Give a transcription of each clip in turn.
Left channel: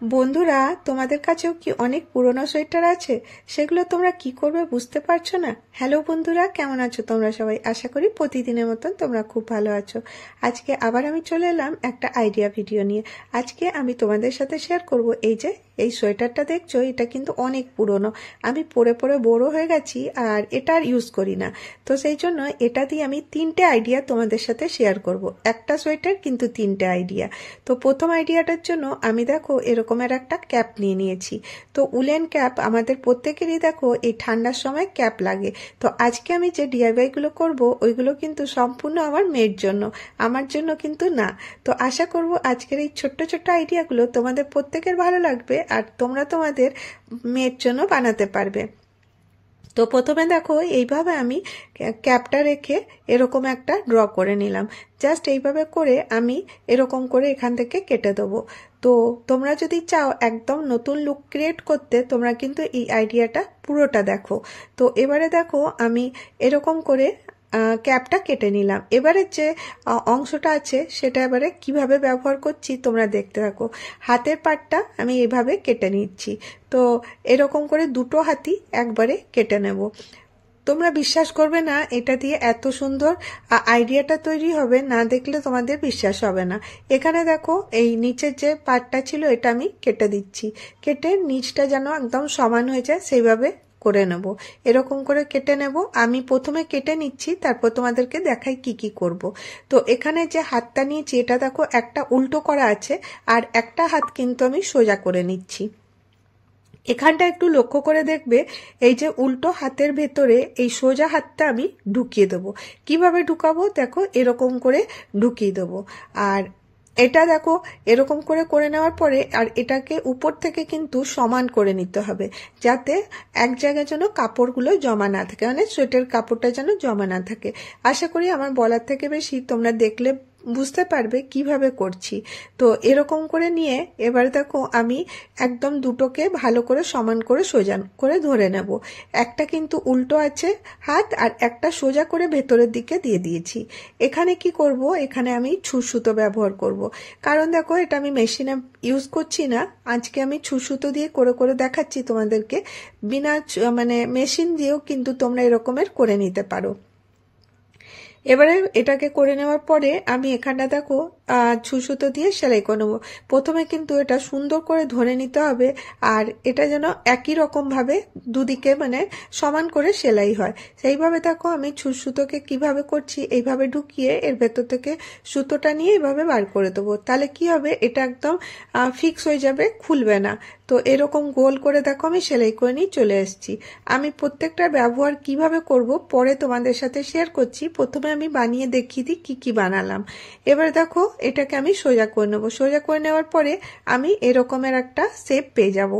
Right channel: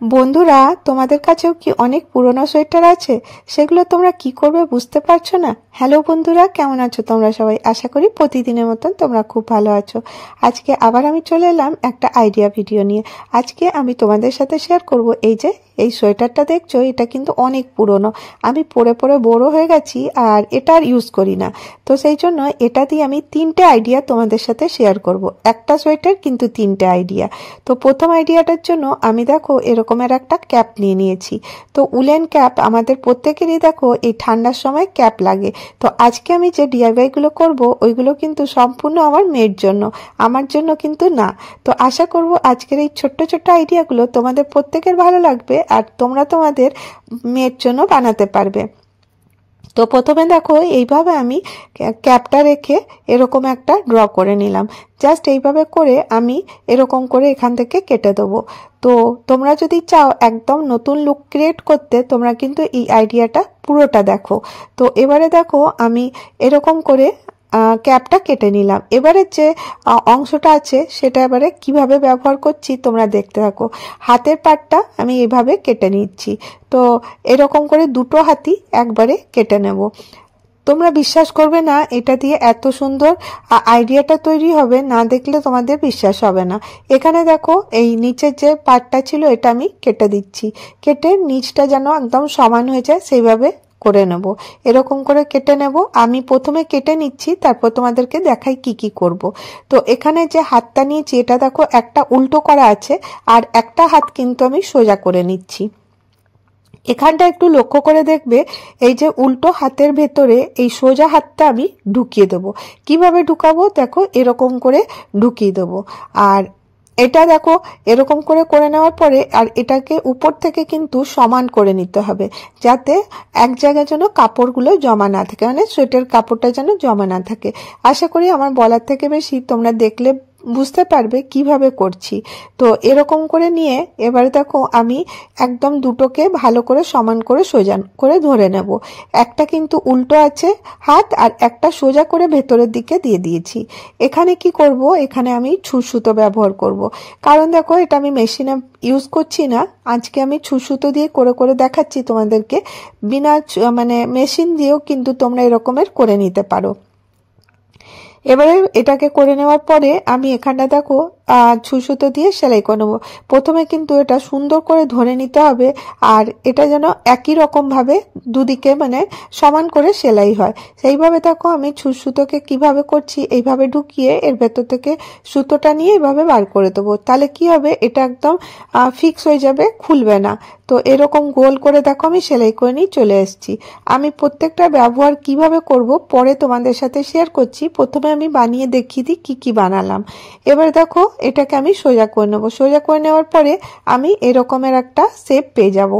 বন্ধুরা, তোমাদের কাছেও কি অনেক পুরনো সোয়েটার আছে? সেগুলো তোমরা কি করবে বুঝতে পারছো না? হ্যালো বন্ধুরা, কেমন আছো তোমরা সবাই? আশা করি প্রতিদিনের মতন তোমরা খুব ভালো আছো। আজকে আবার আমি চলে এলাম একটা আইডিয়া ভিডিও নিয়ে। আজকে আমি তোমাদের সাথে শেয়ার করব এই সোয়েটারটা দেখছো, এটা কিন্তু অনেক পুরনো। আমি পরে পরে বড় হয়ে গেছি আর এটা আর ইউজ করি না। তো সেই জন্য এটা দিয়ে আমি তিনটে আইডিয়া তোমাদের সাথে শেয়ার করব। একটা সোয়েটার কিন্তু তিনটে আইডিয়া। তো প্রথম আইডিয়াটার জন্য আমি দেখো এরকমের একটা ক্যাপ নিয়ে নিয়েছি। তো উলেন ক্যাপ আমাদের প্রত্যেকেরই দেখো এই ঠান্ডার সময় ক্যাপ লাগে। তো আজকে আমি যে ডিআইওয়াই গুলো করব ওইগুলো কিন্তু সম্পূর্ণ আমার মেয়ের জন্য, আমার জন্য কিন্তু না। তো আশা করব আজকের এই ছোট্ট ছোট্ট আইডিয়াগুলো তোমাদের প্রত্যেকের ভালো লাগবে আর তোমরা তোমাদের মেয়ের জন্য বানাতে পারবে। তো প্রথমে দেখো এইভাবে আমি ক্যাপটা রেখে এরকম একটা ড্র করে নিলাম। জাস্ট এইভাবে করে আমি এরকম করে এখান থেকে কেটে দেবো। তো তোমরা যদি চাও একদম নতুন লুক ক্রিয়েট করতে, তোমরা কিন্তু এই আইডিয়াটা পুরোটা দেখো। তো এবারে দেখো আমি এরকম করে ক্যাপটা কেটে নিলাম। এবারে যে অংশটা আছে সেটা এবারে কিভাবে ব্যবহার করছি তোমরা দেখতে থাকো। হাতের পাটটা আমি এভাবে কেটে নিচ্ছি। তো এরকম করে দুটো হাতই একবারে কেটে নেব। তোমরা বিশ্বাস করবে না, এটা দিয়ে এত সুন্দর আইডিয়াটা তৈরি হবে, না দেখলে তোমাদের বিশ্বাস হবে না। এখানে দেখো এই নিচের যে পার্টটা ছিল এটা আমি কেটে দিচ্ছি। কেটে নিচটা যেন একদম সমান হয়ে যায় সেইভাবে করে নেব। এরকম করে কেটে নেব। আমি প্রথমে কেটে নিচ্ছি, তারপর তোমাদেরকে দেখাই কি কি করব। তো এখানে যে হাতটা নিয়েছি এটা দেখো একটা উল্টো করা আছে আর একটা হাত কিন্তু আমি সোজা করে নিচ্ছি। এখানটা একটু লক্ষ্য করে দেখবে, এই যে উল্টো হাতের ভেতরে এই সোজা হাতটা আমি ঢুকিয়ে দেবো। কিভাবে ঢুকাবো দেখো, এরকম করে ঢুকিয়ে দেবো। আর এটা দেখো এরকম করে করে নেওয়ার পরে আর এটাকে উপর থেকে কিন্তু সমান করে নিতে হবে, যাতে এক জায়গায় যেন কাপড়গুলো জমা না থাকে, মানে সোয়েটার কাপড়টা যেন জমা না থাকে। আশা করি আমার বলার থেকে বেশি তোমরা দেখলে বুঝতে পারবে কিভাবে করছি। তো এরকম করে নিয়ে এবারে দেখো আমি একদম দুটোকে ভালো করে সমান করে সোজা করে ধরে নেব। একটা কিন্তু উল্টো আছে হাত আর একটা সোজা করে ভেতরের দিকে দিয়ে দিয়েছি। এখানে কি করব, এখানে আমি ছুঁচ সুতো ব্যবহার করব। কারণ দেখো এটা আমি মেশিনে ইউজ করছি না, আজকে আমি ছুঁচ সুতো দিয়ে করে করে দেখাচ্ছি তোমাদেরকে। বিনা মানে মেশিন দিয়েও কিন্তু তোমরা এরকমের করে নিতে পারো। এবারে এটাকে করে নেওয়ার পরে আমি এখানটা দেখো ছুঁচ সুতো দিয়ে সেলাই করে নেবো। প্রথমে কিন্তু এটা সুন্দর করে ধরে নিতে হবে আর এটা যেন একই রকম ভাবে দুদিকে মানে সমান করে সেলাই হয়, সেইভাবে দেখো আমি ছুঁচ সুতোকে কিভাবে করছি এইভাবে ঢুকিয়ে এর ভেতর থেকে সুতোটা নিয়ে এইভাবে বার করে দেবো। তাহলে কি হবে, এটা একদম ফিক্স হয়ে যাবে, খুলবে না। তো এরকম গোল করে দেখো আমি সেলাই করে নিয়ে চলে এসেছি। আমি প্রত্যেকটা ব্যবহার কিভাবে করব পরে তোমাদের সাথে শেয়ার করছি। প্রথমে আমি বানিয়ে দেখিয়ে দিই কি কি বানালাম। এবার দেখো এটাকে আমি সোজা করে নেবো। সোজা করে নেওয়ার পরে আমি এরকমের একটা শেপ পেয়ে যাব।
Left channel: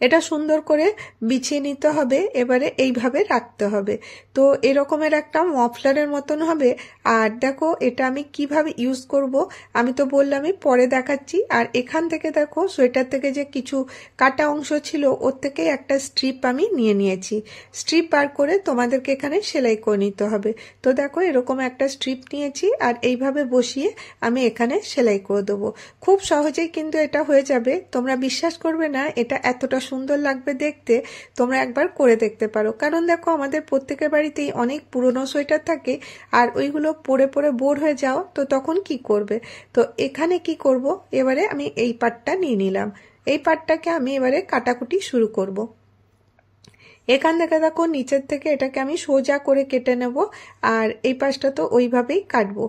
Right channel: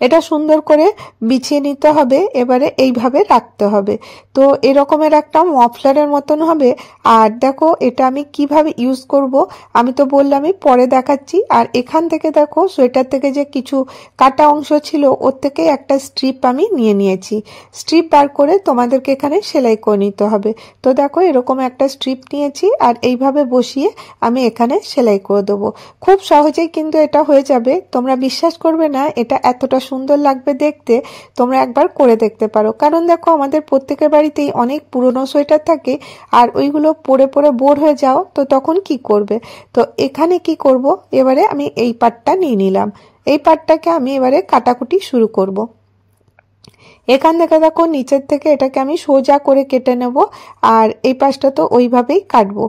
এটা সুন্দর করে বিছিয়ে নিতে হবে, এবারে এইভাবে রাখতে হবে। তো এরকমের একটা মফলারের মতন হবে। আর দেখো এটা আমি কিভাবে ইউজ করব আমি তো বললামই, পরে দেখাচ্ছি। আর এখান থেকে দেখো সোয়েটার থেকে যে কিছু কাটা অংশ ছিল ওর থেকে একটা স্ট্রিপ আমি নিয়ে নিয়েছি। স্ট্রিপ বার করে তোমাদেরকে এখানে সেলাই করে নিতে হবে। তো দেখো এরকম একটা স্ট্রিপ নিয়েছি আর এইভাবে বসিয়ে আমি এখানে সেলাই করে দেবো। খুব সহজেই কিন্তু এটা হয়ে যাবে। তোমরা বিশ্বাস করবে না এটা এতটা সুন্দর লাগবে দেখতে। তোমরা একবার করে দেখতে পারো। কারণ দেখো আমাদের প্রত্যেকের বাড়িতেই অনেক পুরনো সোয়েটার থাকে আর ওইগুলো পরে পরে বোর হয়ে যাও, তো তখন কি করবে। তো এখানে কি করব, এবারে আমি এই পাটটা নিয়ে নিলাম। এই পাটটাকে আমি এবারে কাটাকুটি শুরু করব। এখান থেকে দেখো নিচের থেকে এটাকে আমি সোজা করে কেটে নেব আর এই পাশটা তো ওইভাবেই কাটবো।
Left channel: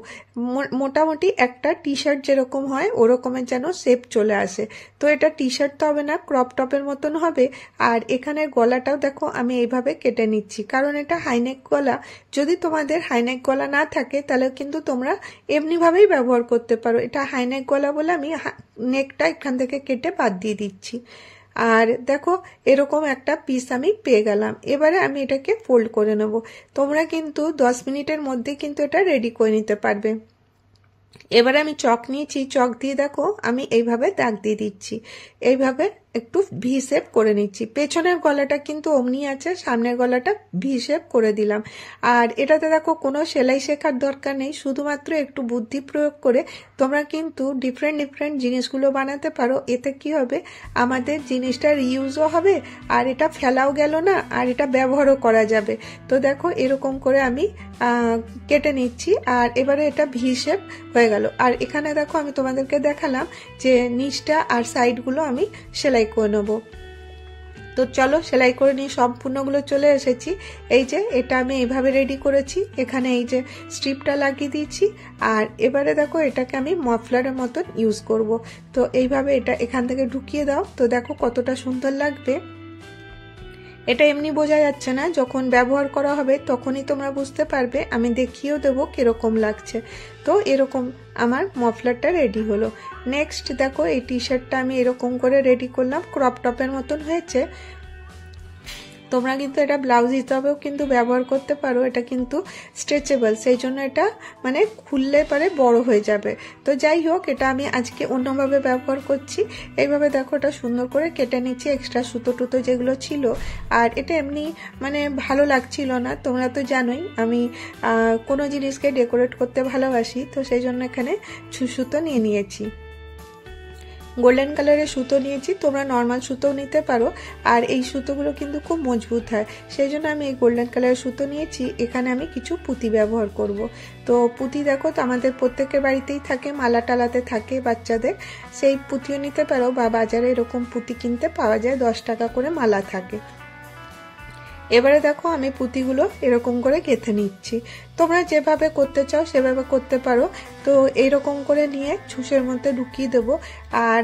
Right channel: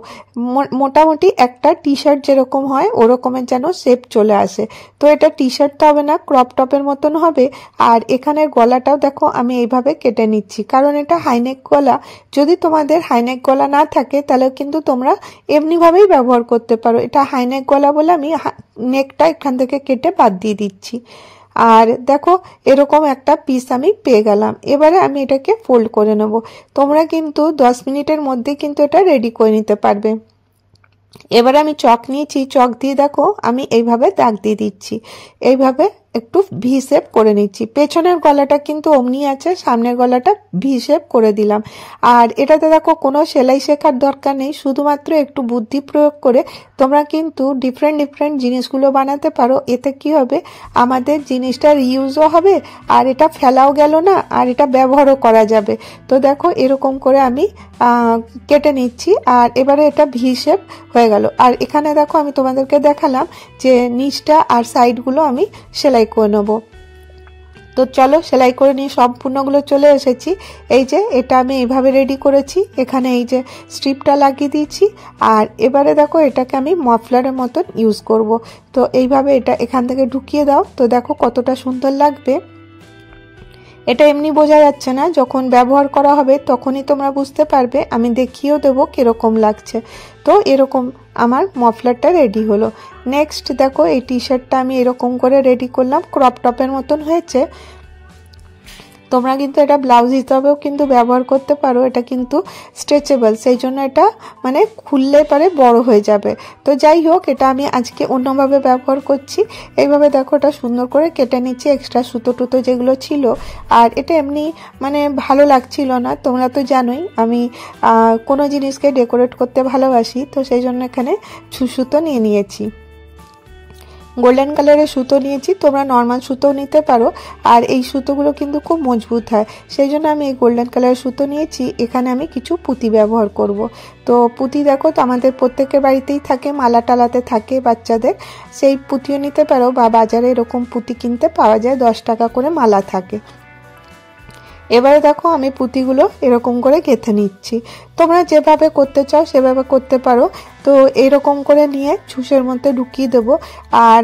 মোটামুটি একটা টি শার্ট যেরকম হয় ওরকমের যেন শেপ চলে আসে। তো এটা টি শার্ট তো হবে না, ক্রপ টপের মতন হবে। আর এখানের গলাটাও দেখো আমি এইভাবে কেটে নিচ্ছি, কারণ এটা হাইনেক গলা। যদি তোমাদের হাইনেক গলা না থাকে তাহলে কিন্তু তোমরা এমনিভাবেই ব্যবহার করতে পারো। এটা হাইনেক গলা বলে আমি নেকটা এখান থেকে কেটে বাদ দিয়ে দিচ্ছি। আর দেখো এরকম একটা পিস আমি পেয়ে গেলাম। এবারে আমি এটাকে ফোল্ড করে নেব। তোমরা কিন্তু 10 মিনিটের মধ্যে কিন্তু এটা রেডি করে নিতে পারবে। এবারে আমি চক নিয়েছি, চক দিয়ে দেখো আমি এইভাবে দাগ দিয়ে দিচ্ছি। এইভাবে একটু ভি শেপ করে নিচ্ছি। পেছনের গলাটা কিন্তু অমনি আছে, সামনের গলাটা ভি শেপ করে দিলাম। আর এটাতে দেখো কোনো সেলাই শেখার দরকার নেই, শুধুমাত্র একটু বুদ্ধি প্রয়োগ করে তোমরা কিন্তু ডিফারেন্ট জিনিসগুলো বানাতে পারো। এতে কি হবে, আমাদের জিনিসটা রিউজও হবে আর এটা ফেলাও গেল না, আর এটা ব্যবহারও করা যাবে। তো দেখো এরকম করে আমি কেটে নিচ্ছি। আর এবারে এটা ভি শেপ হয়ে গেল। আর এখানে দেখো আমি তোমাদেরকে দেখালাম যে নিচটা আর সাইডগুলো আমি সেলাই করে নেবো। তো চলো সেলাই করে নিয়ে সম্পূর্ণগুলো চলে এসেছি। এই যে এটা আমি এইভাবে রেডি করেছি, এখানে এই যে স্ট্রিপটা লাগিয়ে দিয়েছি। আর এবারে দেখো এটাকে আমি মাফলারের মতন ইউজ করব। তো এইভাবে এটা এখান থেকে ঢুকিয়ে দাও। তো দেখো কতটা সুন্দর লাগবে। এটা এমনি বোঝা যাচ্ছে না, যখন ব্যবহার করা হবে তখনই তোমরা বুঝতে পারবে। আমি দেখিয়েও দেবো কিরকম লাগছে। তো এরকম আমার মফলারটা রেডি হলো। নেক্সট দেখো এই টি শার্টটা আমি এরকম করে রেডি করলাম, ক্রপ টপের মতন হয়েছে। তোমরা কিন্তু এটা ব্লাউজ হিসাবেও কিন্তু ব্যবহার করতে পারো। এটা কিন্তু স্ট্রেচেবল, সেই জন্য এটা মানে খুললে পরে বড় হয়ে যাবে। তো যাই হোক, এটা আমি আজকে অন্যভাবে ব্যবহার করছি। এইভাবে দেখো এটা সুন্দর করে কেটে নিচ্ছি, এক্সট্রা সুতো টুতো যেগুলো ছিল। আর এটা এমনি মানে ভালো লাগছিল না, তোমরা তো জানোই আমি কোনো জিনিসকে ডেকোরেট করতে ভালোবাসি। তো সেই জন্য এখানে সুতো নিয়ে নিয়েছি, গোল্ডেন কালারের সুতো নিয়েছি, তোমরা নর্মাল সুতো নিতে পারো। আর এই সুতোগুলো কিন্তু খুব মজবুত হয়, সেই জন্য আমি এই গোল্ডেন কালারের সুতো নিয়েছি। এখানে আমি কিছু পুঁতি ব্যবহার করব। তো পুঁতি দেখো তো আমাদের প্রত্যেকের বাড়িতেই থাকে, মালা টালাতে থাকে বাচ্চাদের, সেই পুঁতিও নিতে পারো। বা বাজারে এরকম পুঁতি কিনতে পাওয়া যায়, 10 টাকা করে মালা থাকে। এবারে দেখো আমি পুঁতিগুলো এরকম করে গেঁথে নিচ্ছি। তোমরা যেভাবে করতে চাও সেভাবে করতে পারো। তো এরকম করে নিয়ে ছুঁচের মধ্যে ঢুকিয়ে দেবো। আর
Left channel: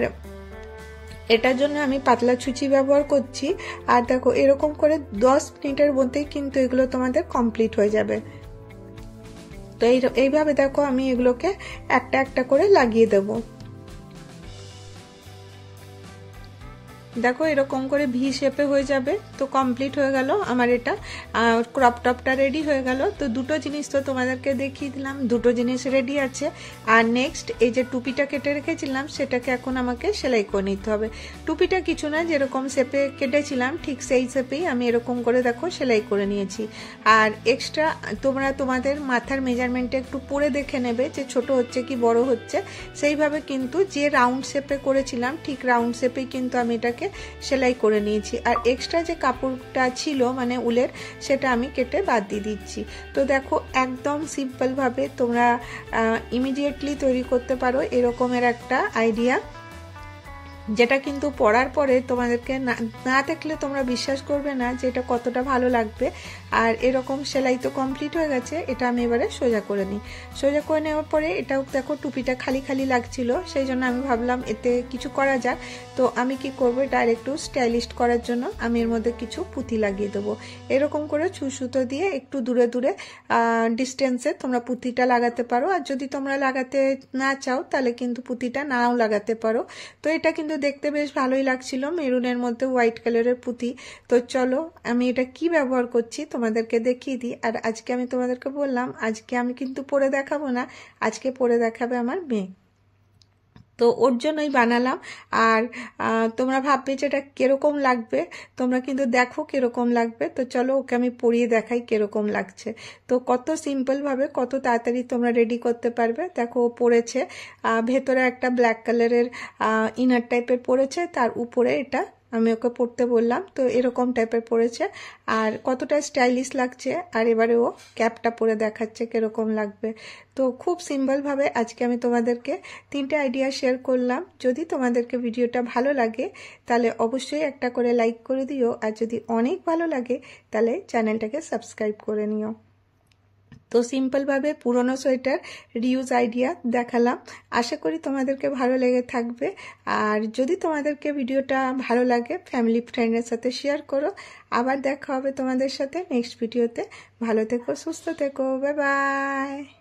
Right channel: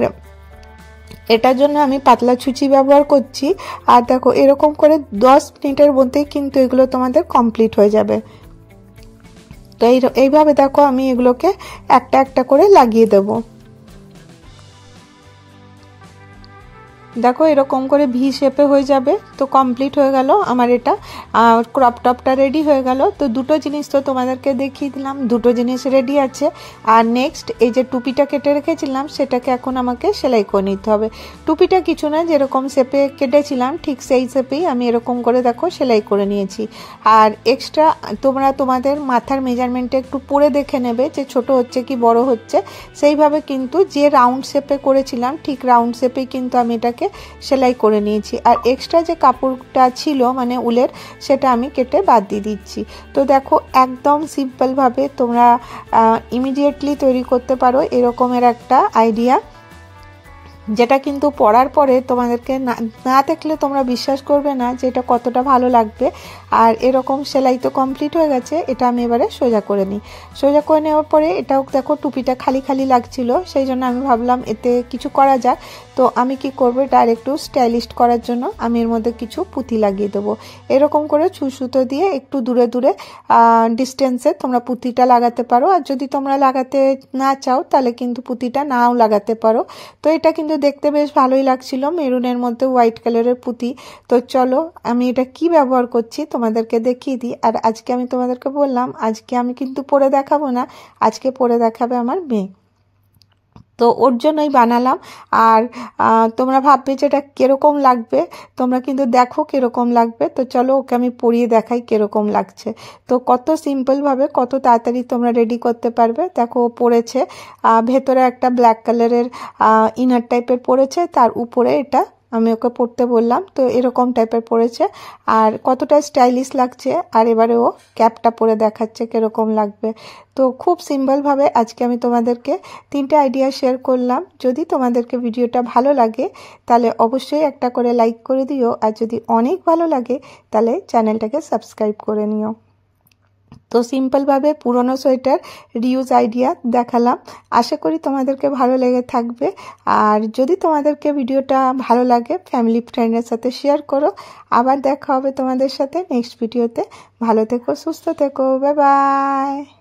এটার জন্য আমি পাতলা ছুঁচি ব্যবহার করছি। আর দেখো এরকম করে 10 মিনিটের মধ্যেই কিন্তু এগুলো তোমাদের কমপ্লিট হয়ে যাবে। তো এইভাবে দেখো আমি এগুলোকে একটা একটা করে লাগিয়ে দেবো। দেখো এরকম করে ভি শেপে হয়ে যাবে। তো কমপ্লিট হয়ে গেল আমার এটা, ক্রপ টপটা রেডি হয়ে গেল। তো দুটো জিনিস তো তোমাদেরকে দেখিয়ে দিলাম, দুটো জিনিস রেডি আছে। আর নেক্সট এই যে টুপিটা কেটে রেখেছিলাম সেটাকে এখন আমাকে সেলাই করে নিতে হবে। টুপিটা কিছু না, যেরকম শেপে কেটেছিলাম ঠিক সেই শেপেই আমি এরকম করে দেখো সেলাই করে নিয়েছি। আর এক্সট্রা তোমরা তোমাদের মাথার মেজারমেন্টে একটু পরে দেখে নেবে যে ছোট হচ্ছে কি বড় হচ্ছে। সেইভাবে কিন্তু যে রাউন্ড শেপে করেছিলাম ঠিক রাউন্ড শেপেই কিন্তু আমি এটাকে সেলাই করে নিয়েছি। আর এক্সট্রা যে কাপড়টা ছিল মানে উলের, সেটা আমি কেটে বাদ দিয়ে দিচ্ছি। তো দেখো একদম সিম্পল ভাবে তোমরা ইমিডিয়েটলি তৈরি করতে পারো এরকমের একটা আইডিয়া, যেটা কিন্তু পরার পরে তোমাদেরকে না দেখলে তোমরা বিশ্বাস করবে না যে এটা কতটা ভালো লাগবে। আর এরকম সেলাই তো কমপ্লিট হয়ে গেছে, এটা আমি এবারে সোজা করে নিই। সোজা করে নেওয়ার পরে এটাও দেখো টুপিটা খালি খালি লাগছিল, সেই জন্য আমি ভাবলাম এতে কিছু করা যাক। তো আমি কি করবো, ডাইরেক্ট স্টাইলিশ করার জন্য আমি এর মধ্যে কিছু পুঁতি লাগিয়ে দেবো। এরকম করে সুতো দিয়ে একটু দূরে দূরে ডিস্টেন্সে তোমরা পুঁতিটা লাগাতে পারো। আর যদি তোমরা লাগাতে না চাও তাহলে কিন্তু পুঁতিটা নাও লাগাতে পারো। তো এটা কিন্তু দেখতে বেশ ভালোই লাগছিল, মেরুনের মধ্যে হোয়াইট কালারের পুঁতি। তো চলো আমি এটা কি ব্যবহার করছি তোমাদেরকে দেখিয়ে দিই। আর আজকে আমি তোমাদেরকে বললাম আজকে আমি কিন্তু পরে দেখাবো না, আজকে পরে দেখাবে আমার মেয়ে। তো ওর জন্যই বানালাম। আর তোমরা ভাববে যে এটা কিরকম লাগবে, তোমরা কিন্তু দেখো কিরকম লাগবে। তো চলো ওকে আমি পরিয়ে দেখাই কিরকম লাগছে। তো কত সিম্পল ভাবে কত তাড়াতাড়ি তোমরা রেডি করতে পারবে। দেখো পরেছে ভেতরে একটা ব্ল্যাক কালারের ইনার টাইপের পরেছে, তার উপরে এটা আমি ওকে পরতে বললাম। তো এরকম টাইপের পরেছে আর কতটা স্টাইলিশ লাগছে। আর এবারে ও ক্যাপটা পরে দেখাচ্ছে কিরকম লাগবে। তো খুব সিম্পলভাবে আজকে আমি তোমাদেরকে 3টে আইডিয়া শেয়ার করলাম। যদি তোমাদেরকে ভিডিওটা ভালো লাগে তাহলে অবশ্যই একটা করে লাইক করে দিও। আর যদি অনেক ভালো লাগে তাহলে চ্যানেলটাকে সাবস্ক্রাইব করে নিও। তো সিম্পলভাবে পুরনো সোয়েটার রিউজ আইডিয়া দেখালাম, আশা করি তোমাদেরকে ভালো লেগে থাকবে। আর যদি তোমাদেরকে ভিডিওটা ভালো লাগে ফ্যামিলি ফ্রেন্ডের সাথে শেয়ার করো। আবার দেখা হবে তোমাদের সাথে নেক্সট ভিডিওতে। ভালো থেকো, সুস্থ থেকো, বাই বাই।